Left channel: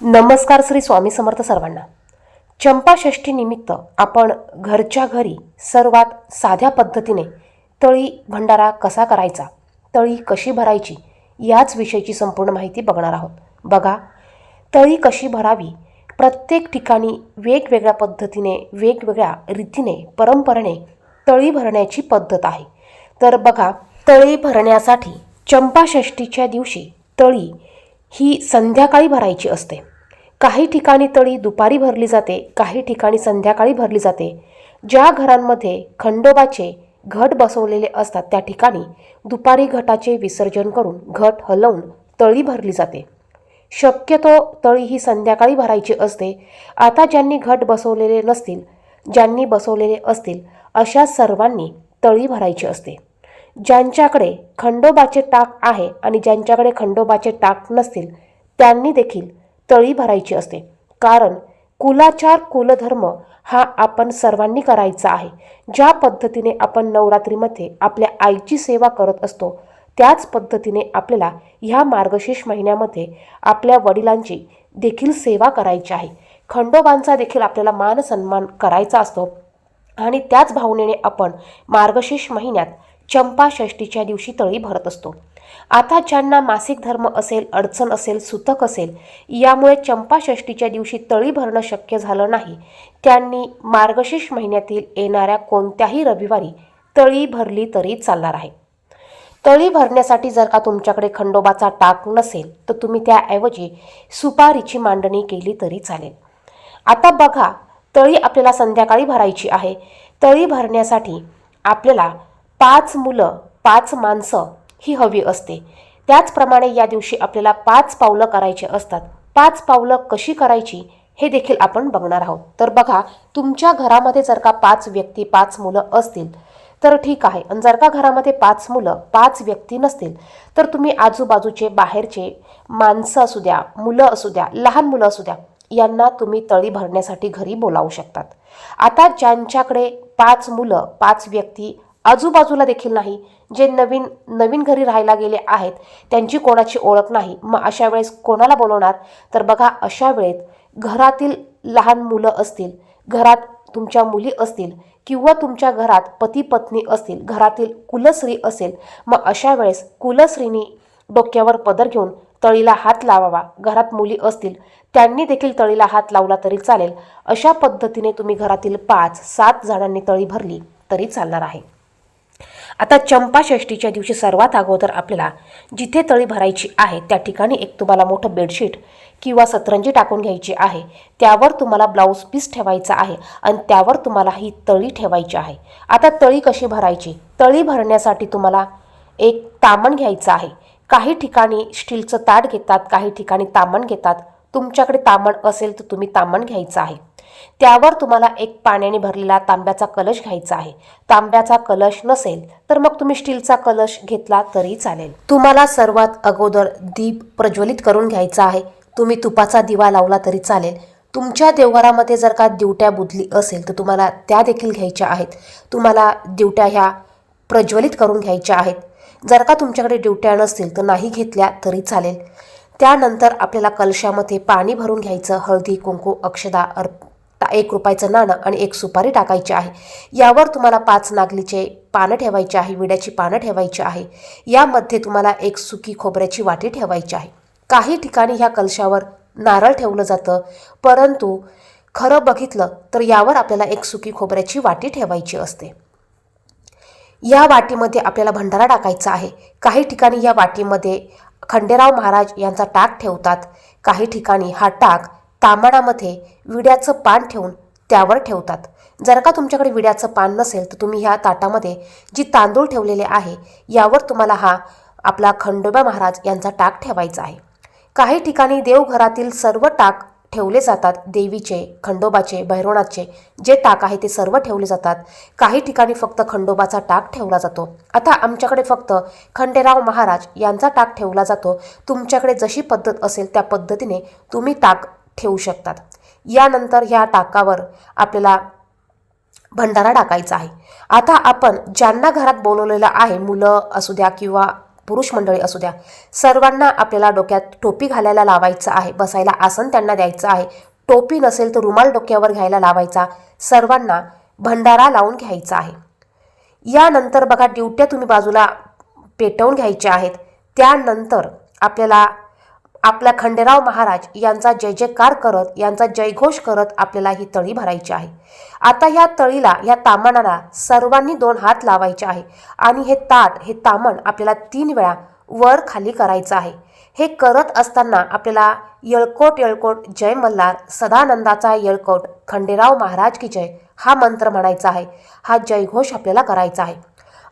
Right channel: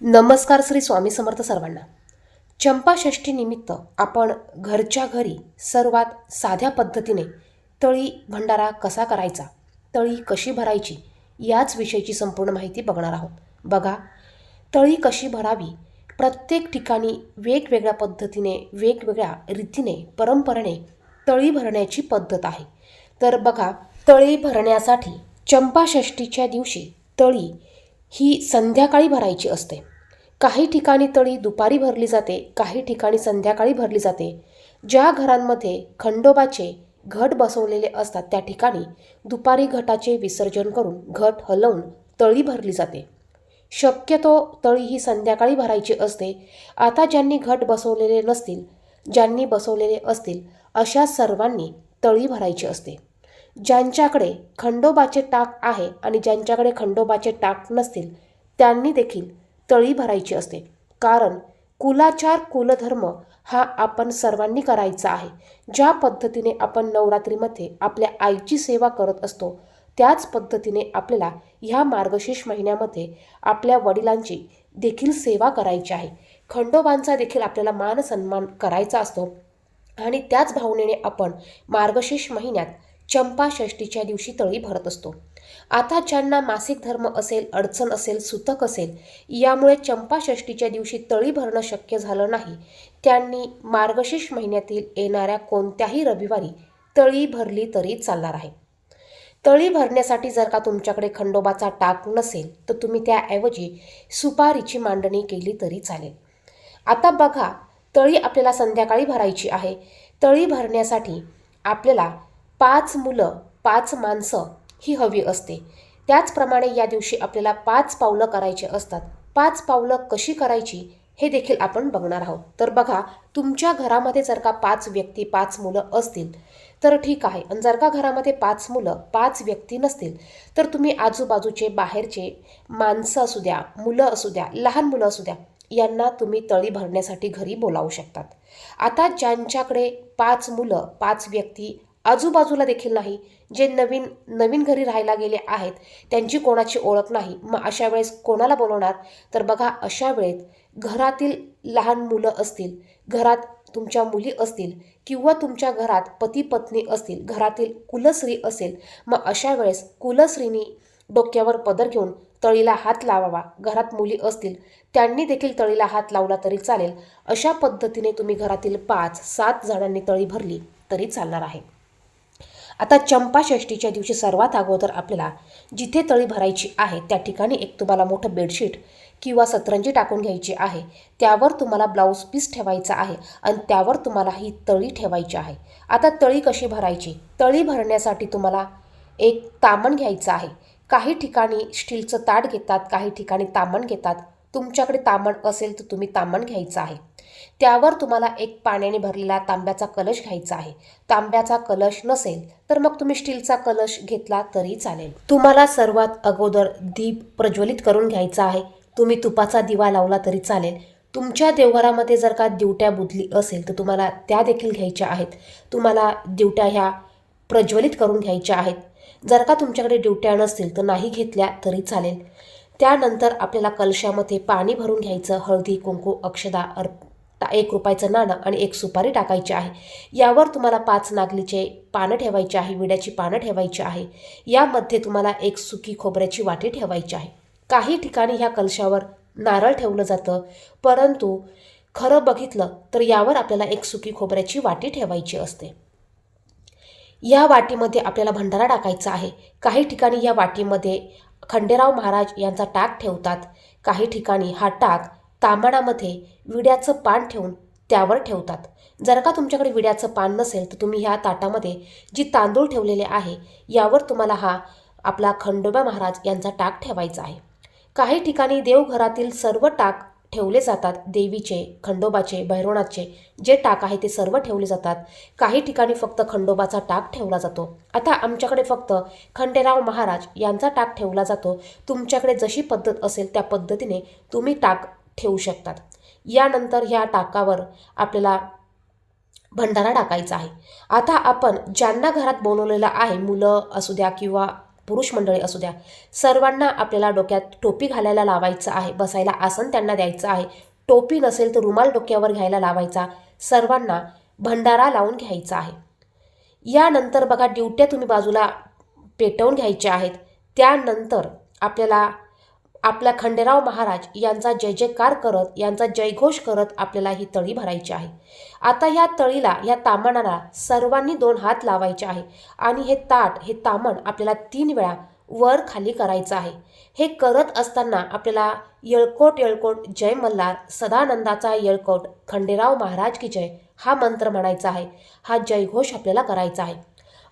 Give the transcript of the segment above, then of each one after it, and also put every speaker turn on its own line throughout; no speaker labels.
नमस्कार श्री स्वामी समर्थ सर्वांना. चंपाषष्ठीनिमित्त आपण घरच्या घरी सर्वात साध्या पद्धतीने तळी भंडारा कसा करायचा तळी कशी भरायची याच विषयीची संपूर्ण माहिती बघणार आहोत. बघा तळी कशी भरावी प्रत्येक ठिकाणी वेगवेगळ्या पद्धतीने वेगवेगळ्या रीतीने परंपरेने तळी भरण्याची पद्धत आहे. तर बघा तळी भरण्यासाठी चंपाषष्ठीच्या दिवशी तळी ही संध्याकाळी भरायची असते. काही ठिकाणी तळी दुपारी भरली जाते काही ठिकाणी संध्याकाळी भरली जाते. ज्या घरांमध्ये खंडोबाचे घट बसवलेले असतात त्या ठिकाणी दुपारी घटाचे विसर्जन करून घट हलवून तळी भरली जाते. शक्यतो तळी ही संध्याकाळी भरायची असते. आता ज्यांनी घट बसवलेले नसतील ज्यांनी बसवलेले असतील अशा सर्वांनी तळी भरायची असते. ज्यांच्याकडे खंडोबाचे टाक आहे आणि ज्यांच्याकडे खंडोबाचे टाक नसतील त्यांनी देखील तळी भरायची असते. कारण कुलाचार कुलधर्म हा आपण सर्वांनी करायचा आहे. ज्या पद्धतीने आपण नवरात्रीमध्ये आपल्या आईची सेवा करत असतो त्याच पद्धतीने आपल्याला ह्या मार्गशीर्ष महिन्यामध्ये आपल्या वडिलांची देखील सेवा करायची आहे. खंडोबांचा देखील आपल्याला मान सन्मान करायचा असतो आणि त्याच भावनेने आपण मार्गशीर्ष महिन्यात चंपाषष्ठीच्या दिवशी तळी भरत असतो. आता ज्यांना मासिक धर्म असेल अडचण असेल सुतक असेल यामुळे चंपाषष्ठीच्या दिवशी तळी भरणं शक्य झालं नाही. त्यांनी मार्गशीर्ष महिन्यातील येणाऱ्या कोणत्याही रविवारी तळी भरली तरी चालणार आहे. तळी भरण्यासाठी जर का तुमच्याकडे खंडोबाचा टाक नसेल तर तुम्ही त्याऐवजी सुपारीची मांडणी केली तरी चालेल. आता बघा तळी आपल्याला संध्याकाळी भरायची आहे. तळी भरण्यासाठी आपल्याला पाच मुलं पाच माणसं ही हवी असते. त्याचप्रमाणे या दिवशी आपल्याला पाच पावलं करायची असतात. पाच पावलं कशी करायची हे देखील आपण बघणार आहोत. तर बघा तुमच्या घरामध्ये जर का पाच व्यक्ती पाच मुलं असतील तर ठीक आहे. आणि जर का घरामध्ये पाच मुलं पाच व्यक्ती नसतील तर तुम्ही आजूबाजूचे बाहेरचे माणसं असू द्या मुलं असू द्या लहान मुलं असू द्या यांना तुम्ही तळी भरण्यासाठी घरी बोलावू शकतात. आता ज्यांच्याकडे पाच मुलं पाच व्यक्ती आजूबाजूला देखील नाही. जे नवीन नवीन घरी राहायला गेले आहेत त्यांची कोणाची ओळख नाही. मग अशा वेळेस कोणाला बोलवणार? तर बघा अशा वेळेत घरातील लहान मुलं असतील घरात तुमच्या मुली असतील किंवा तुमच्या घरात पती पत्नी असतील घरातील कुलस्त्री असेल मग अशा वेळेस कुलस्त्रीनी डोक्यावर पदर घेऊन तळीला हात लावावा. घरात मुली असतील त्यांनी देखील तळीला हात लावला तरी चालेल. अशा पद्धतीने तुम्ही घरातील पाच सात जणांनी तळी भरली तरी चालणार आहे. आता चंपाषष्ठीच्या दिवशी सर्वात अगोदर आपल्याला जिथे तळी भरायची आहे त्या ठिकाणी एक तुम्हाला मोठं बेडशीट किंवा सतरंजी टाकून घ्यायची आहे. त्यावर तुम्हाला ब्लाऊज पीस ठेवायचा आहे आणि त्यावर तुम्हाला ही तळी ठेवायची आहे. आता तळी कशी भरायची? तळी भरण्यासाठी तुम्हाला एक तामण घ्यायचं आहे. काही ठिकाणी स्टीलचं ताट घेतात काही ठिकाणी तामण घेतात. तुमच्याकडे तामण असेल तर तुम्ही तामण घ्यायचं आहे. त्यावर तुम्हाला एक पाण्याने भरलेला तांब्याचा कलश घ्यायचा आहे. तांब्याचा कलश नसेल तर मग तुम्ही स्टीलचा कलश घेतला तरी चालेल. तुम्हाला सर्वात अगोदर दीप प्रज्वलित करून घ्यायचा आहे. तुम्ही तुपाचा दिवा लावला तरी चालेल. तुमच्या देवघरामध्ये जर का दिवट्या बुदली असेल तर तुम्हाला त्या देखील घ्यायच्या आहेत. तुम्हाला दिवट्या ह्या प्रज्वलित करून घ्यायच्या आहेत. जर का तुमच्याकडे ड्युट्या नसतील तर नाही घेतल्या तरी चालेल. त्यानंतर आपल्याला कलशामध्ये पाणी भरून घ्यायचं. हळदी कुंकू अक्षदा अर्प एक रुपयाचं नाणं आणि एक सुपारी टाकायची आहे. यावर तुम्हाला पाच नागलीचे पानं ठेवायचे आहे विड्याची पानं ठेवायची आहे. यामध्ये तुम्हाला एक सुकी खोबऱ्याची वाटी ठेवायची आहे. काही ठिकाणी ह्या कलशावर नारळ ठेवलं जातं परंतु खरं बघितलं तर यावर आपल्याला एक सुकी खोबऱ्याची वाटी ठेवायची असते. या वाटीमध्ये आपल्याला भंडारा टाकायचा आहे. काही ठिकाणी या वाटीमध्ये खंडेराव महाराज यांचा टाक ठेवतात काही ठिकाणी हा टाक तांबणामध्ये विड्याचं पान ठेवून त्यावर ठेवतात. जर का तुमच्याकडे विड्याचं पान नसेल तर तुम्ही ह्या ताटामध्ये जी तांदूळ ठेवलेले आहे यावर तुम्हाला हा आपला खंडोबा महाराज यांचा टाक ठेवायचा आहे. काही ठिकाणी देवघरातील सर्व टाक ठेवले जातात देवीचे खंडोबाचे भैरवणाचे जे टाक आहे ते सर्व ठेवले जातात. काही ठिकाणी फक्त खंडोबाचा टाक ठेवला जातो. आता आमच्याकडे फक्त खंडेराव महाराज यांचा टाक ठेवला जातो. तुमच्याकडे जशी पद्धत असेल त्या पद्धतीने तुम्ही टाक ठेवू शकतात. यानंतर ह्या टाकावर आपल्याला भंडारा टाकायचा आहे. आता आपण ज्यांना घरात बोलवलेलं आहे मुलं असू द्या किंवा पुरुष मंडळी असू द्या सर्वांना आपल्याला डोक्यात टोपी घालायला लावायचं आहे बसायला आसन त्यांना द्यायचं आहे. टोपी नसेल तर रुमाल डोक्यावर घ्यायला लावायचा. सर्वांना भंडारा लावून घ्यायचा आहे. यानंतर बघा ड्युट्या तुम्ही बाजूला पेटवून घ्यायच्या आहेत. त्यानंतर आपल्याला आपल्या खंडेराव महाराज यांचा जय जयकार करत यांचा जयघोष करत आपल्याला ही तळी भरायची आहे. आता ह्या तळीला या तामणाला सर्वांनी दोन हात लावायचे आहे आणि हे ताट हे तामण आपल्याला तीन वेळा वर खाली करायचं आहे. हे करत असताना आपल्याला येळकोट येळकोट जय मल्हार सदानंदाचा येळकोट खंडेराव महाराज की जय हा मंत्र म्हणायचा आहे. हा जयघोष आपल्याला करायचा आहे.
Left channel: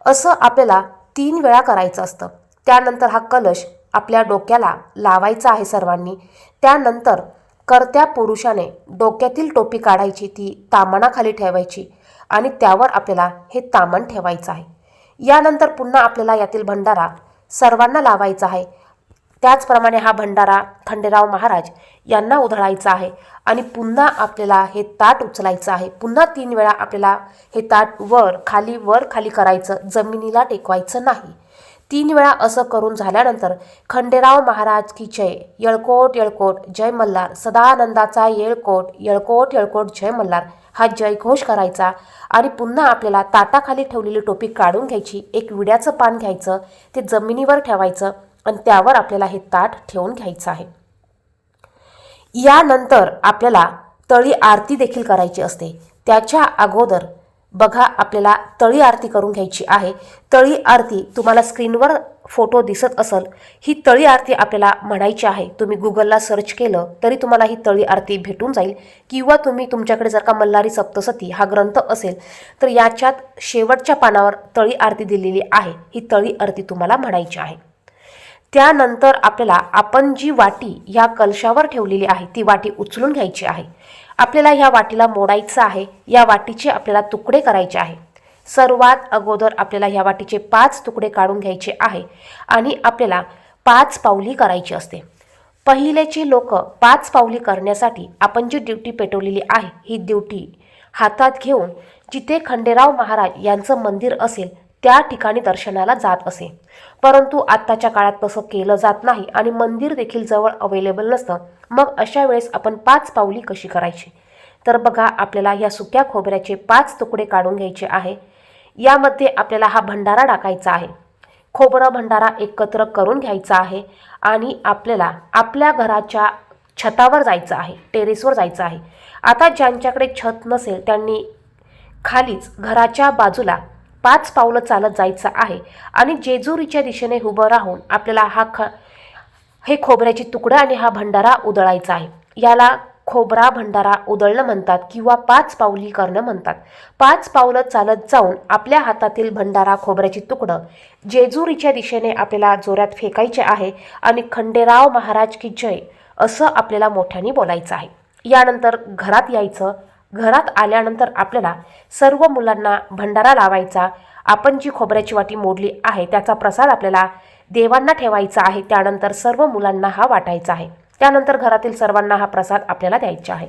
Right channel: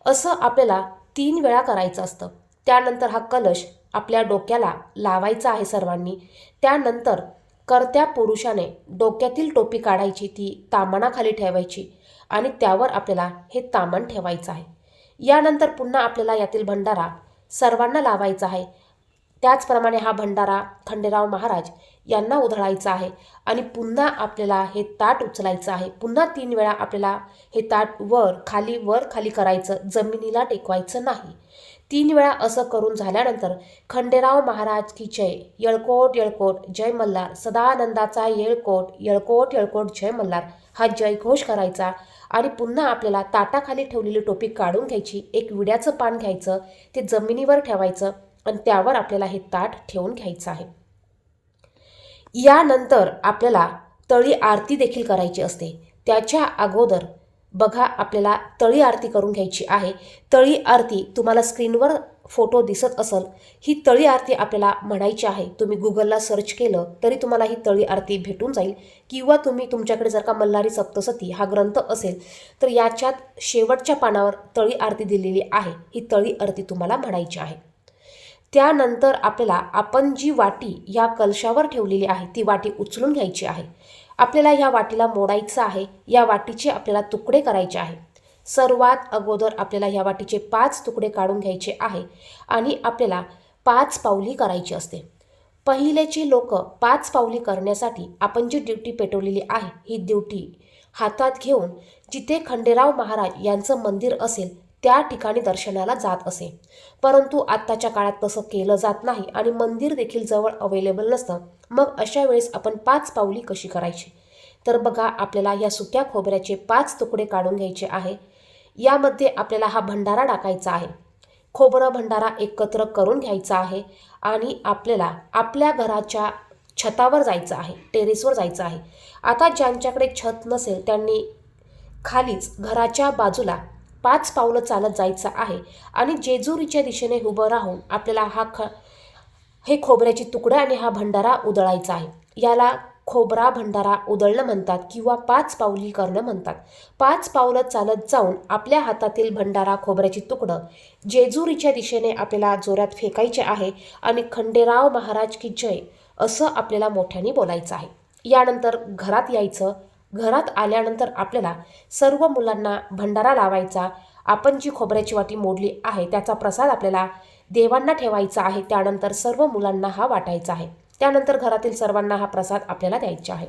असं आपल्याला तीन वेळा करायचं असतं. त्यानंतर हा कलश आपल्या डोक्याला लावायचा आहे सर्वांनी. त्यानंतर करत्या पुरुषाने डोक्यातील टोपी काढायची ती तामणाखाली ठेवायची आणि त्यावर आपल्याला हे तामण ठेवायचं आहे. यानंतर पुन्हा आपल्याला यातील भंडारा सर्वांना लावायचा आहे. त्याचप्रमाणे हा भंडारा खंडेराव महाराज यांना उधळायचा आहे आणि पुन्हा आपल्याला हे ताट उचलायचं आहे. पुन्हा तीन वेळा आपल्याला हे ताट वर खाली वर खाली करायचं जमिनीला टेकवायचं नाही. तीन वेळा असं करून झाल्यानंतर खंडेराव महाराज की जय येळकोट येळकोट जय मल्हार सदानंदाचा येळकोट येळकोट येळकोट जय मल्हार हा जयघोष करायचा आणि पुन्हा आपल्याला ताटाखाली ठेवलेली टोपी काढून घ्यायची एक विड्याचं पान घ्यायचं ते जमिनीवर ठेवायचं आणि त्यावर आपल्याला हे ताट ठेवून घ्यायचं आहे. यानंतर आपल्याला तळी आरती देखील करायची असते. त्याच्या अगोदर बघा आपल्याला तळी आरती करून घ्यायची आहे. तळी आरती तुम्हाला स्क्रीनवर फोटो दिसत असेल. ही तळी आरती आपल्याला म्हणायची आहे. तुम्ही गुगलला सर्च केलं तरी तुम्हाला ही तळी आरती भेटून जाईल. किंवा तुम्ही तुमच्याकडे जर का मल्हारी सप्तसती हा ग्रंथ असेल तर याच्यात शेवटच्या पानावर तळी आरती दिलेली आहे. ही तळी आरती तुम्हाला म्हणायची आहे. त्यानंतर आपल्याला आपण जी वाटी या कलशावर ठेवलेली आहे ती वाटी उचलून घ्यायची आहे. आपल्याला ह्या वाटीला मोडायचं आहे या वाटीचे आपल्याला तुकडे करायचे आहे. सर्वात अगोदर आपल्याला ह्या वाटीचे पाच तुकडे काढून घ्यायचे आहे आणि आपल्याला पाच पावली करायची असते. पहिलेचे लोक पाच पावली करण्यासाठी आपण जी ड्युटी पेटवलेली आहे ही ड्युटी हातात घेऊन जिथे खंडेराव महाराज यांचं मंदिर असेल त्या ठिकाणी दर्शनाला जात असे. परंतु आत्ताच्या काळात तसं केलं जात नाही आणि मंदिर देखील जवळ अवेलेबल नसतं. मग अशा वेळेस आपण पाच पावली कशी करायची? तर बघा आपल्याला या सुक्या खोबऱ्याचे पाच तुकडे काढून घ्यायचे आहे. यामध्ये आपल्याला हा भंडारा टाकायचा आहे. खोबरं भंडारा एकत्र करून घ्यायचा आहे आणि आपल्याला आपल्या घराच्या छतावर जायचं आहे टेरेसवर जायचं आहे. आता ज्यांच्याकडे छत नसेल त्यांनी खालीच घराच्या बाजूला पाच पावलं चालत जायचं आहे. आणि जेजुरीच्या दिशेने उभं राहून आपल्याला हा ख हे खोबऱ्याची तुकडं आणि हा भंडारा उधळायचा आहे. याला खोबरा भंडारा उधळणं म्हणतात किंवा पाच पावली करणं म्हणतात. पाच पावलं चालत जाऊन आपल्या हातातील भंडारा खोबऱ्याची तुकडं जेजुरीच्या दिशेने आपल्याला जोरात फेकायचे आहे आणि खंडेराव महाराज की जय असं आपल्याला मोठ्याने बोलायचं आहे. यानंतर घरात यायचं घरात आल्यानंतर आपल्याला सर्व मुलांना भंडारा लावायचा आपण जी खोबऱ्याची वाटी मोडली आहे त्याचा प्रसाद आपल्याला देवांना ठेवायचा आहे त्यानंतर सर्व मुलांना हा वाटायचा आहे. त्यानंतर घरातील सर्वांना हा प्रसाद आपल्याला द्यायचा आहे.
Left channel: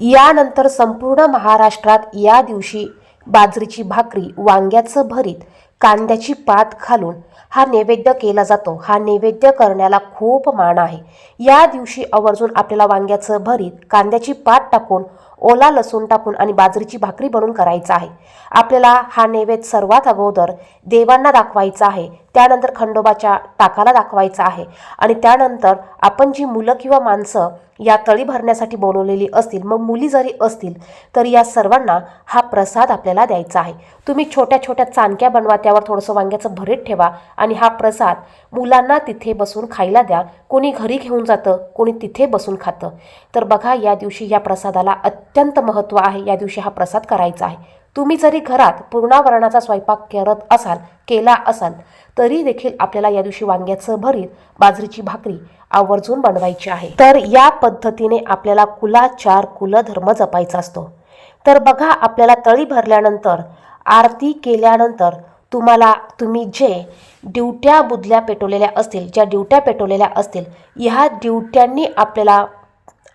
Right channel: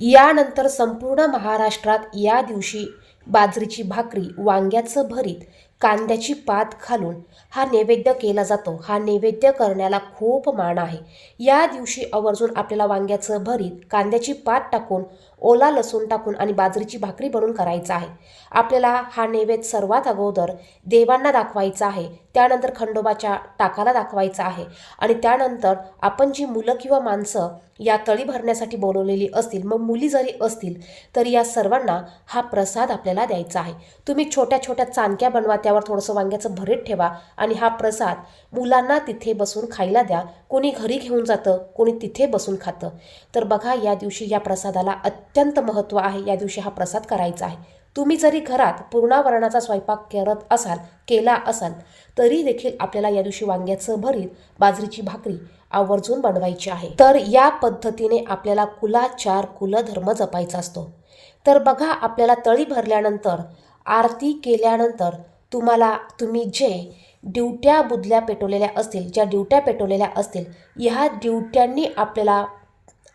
यानंतर संपूर्ण महाराष्ट्रात या दिवशी बाजरीची भाकरी वांग्याचं भरीत कांद्याची पात घालून हा नैवेद्य केला जातो. हा नैवेद्य करण्याला खूप मान आहे. या दिवशी आवर्जून आपल्याला वांग्याचं भरीत कांद्याची पात टाकून ओला लसूण टाकून आणि बाजरीची भाकरी बनवून करायचा आहे. आपल्याला हा नैवेद्य सर्वात अगोदर देवांना दाखवायचा आहे. त्यानंतर खंडोबाच्या टाकाला दाखवायचा आहे. आणि त्यानंतर आपण जी मुलं किंवा माणसं या तळी भरण्यासाठी बोलवलेली असतील मग मुली जरी असतील तर या सर्वांना हा प्रसाद आपल्याला द्यायचा आहे. तुम्ही छोट्या छोट्या चांदक्या बनवा त्यावर थोडंसं वांग्याचं भरीत ठेवा आणि हा प्रसाद मुलांना तिथे बसून खायला द्या. कोणी घरी घेऊन जातं कोणी तिथे बसून खातं. तर बघा या दिवशी या प्रसादाला अत्यंत महत्त्व आहे. या दिवशी हा प्रसाद करायचा आहे. तुम्ही जरी घरात पूर्णावरणाचा स्वयंपाक करत असाल केला असाल तरी देखील आपल्याला या दिवशी वांग्याचं भरीत बाजरीची भाकरी आवर्जून बनवायची आहे. तर या पद्धतीने आपल्याला कुलाचार कुलधर्म जपायचा असतो. तर बघा आपल्याला तळी भरल्यानंतर आरती केल्यानंतर तुम्हाला तुम्ही जे ड्युट्या बुदल्या पेटवलेल्या असतील ज्या ड्युट्या पेटवलेल्या असतील ह्या ड्युट्यांनी आपल्याला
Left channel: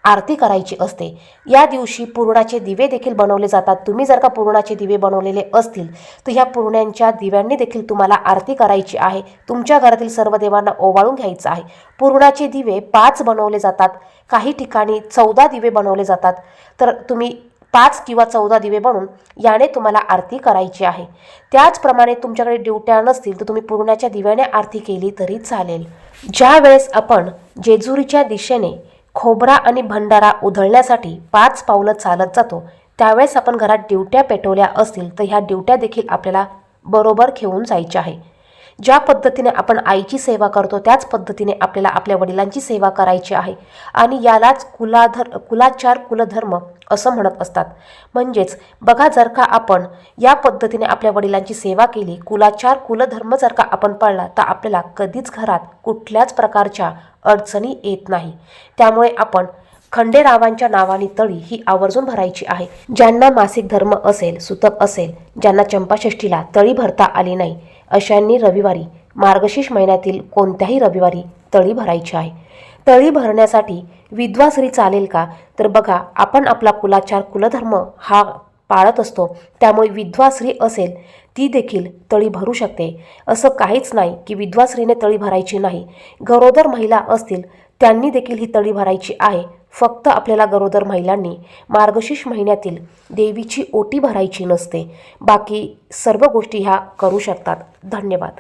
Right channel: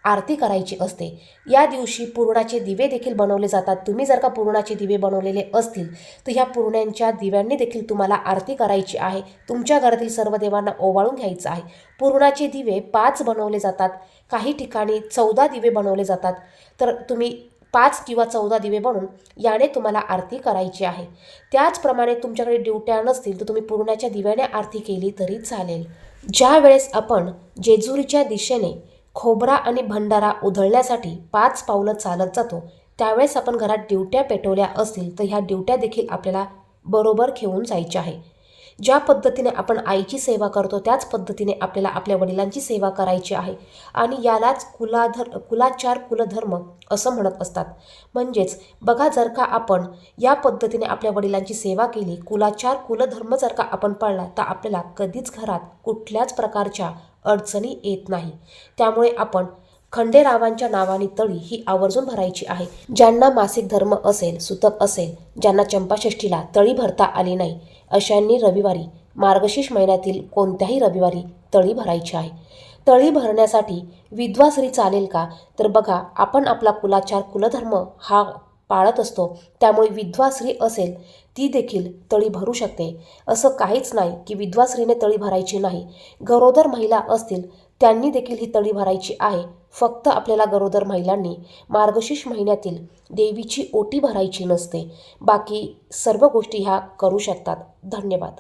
आरती करायची असते. या दिवशी पुरणाचे दिवे देखील बनवले जातात. तुम्ही जर का पुरणाचे दिवे बनवलेले असतील तर ह्या पुरण्यांच्या दिव्यांनी देखील तुम्हाला आरती करायची आहे. तुमच्या घरातील सर्व देवांना ओवाळून घ्यायचं आहे. पुरणाचे दिवे पाच बनवले जातात. काही ठिकाणी चौदा दिवे बनवले जातात. तर तुम्ही पाच किंवा चौदा दिवे बनवून याने तुम्हाला आरती करायची आहे. त्याचप्रमाणे तुमच्याकडे ड्युट्या नसतील तर तुम्ही पूर्णाच्या दिव्याने आरती केली तरी चालेल. ज्या वेळेस आपण जेजुरीच्या दिशेने खोबरा आणि भंडारा उधळण्यासाठी पाच पावलं चालत जातो. त्यावेळेस आपण घरात ड्युट्या पेटवल्या असतील तर ह्या ड्युट्या देखील आपल्याला बरोबर घेऊन जायच्या आहे. ज्या पद्धतीने आपण आईची सेवा करतो त्याच पद्धतीने आपल्याला आपल्या वडिलांची सेवा करायची आहे. आणि यालाच कुलाधर कुलाचार कुलधर्म असं म्हणत असतात. म्हणजेच बघा जर का आपण या पद्धतीने आपल्या वडिलांची सेवा केली कुलाचार कुलधर्म जर का आपण पाळला तर आपल्याला कधीच घरात कुठल्याच प्रकारच्या अडचणी येत नाही. त्यामुळे आपण खंडेरावांच्या नावाने तळी ही आवर्जून भरायची आहे. ज्यांना मासिक धर्म असेल सुतक असेल ज्यांना चंपाषष्ठीला तळी भरता आली नाही अशांनी रविवारी मार्गशीर्ष महिन्यातील कोणत्याही रविवारी तळी भरायची आहे. तळी भरण्यासाठी विधवा स्त्री चालेल का तर बघा आपण आपला कुलाचार कुलधर्म हा पाळत असतो. त्यामुळे विधवा स्त्री असेल ती देखील तळी भरू शकते. असं काहीच नाही की विधवा स्त्रीने तळी भरायची नाही. गरोदर महिला असतील त्यांनी देखील ही तळी भरायची आहे. फक्त आपल्याला गरोदर महिलांनी मार्गशीर्ष महिन्यातील देवीची ओटी भरायची नसते. बाकी सर्व गोष्टी ह्या करू शकतात. धन्यवाद.